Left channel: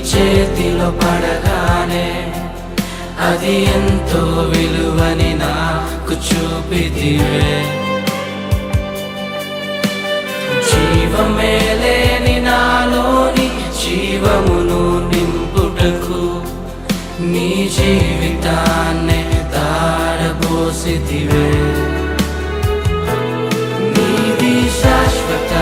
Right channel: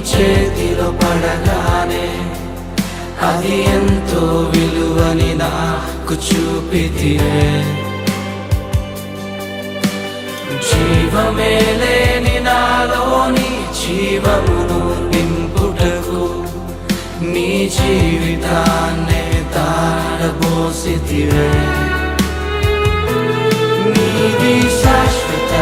చేతిలో పడగానే అది ఎంతో విలువని నాకు చూపితివే. జీవమే లేని నాలోని జీవమును నింపుటకు నీ జీవితాన్నే తారబోసితివే. నీది శాశ్వత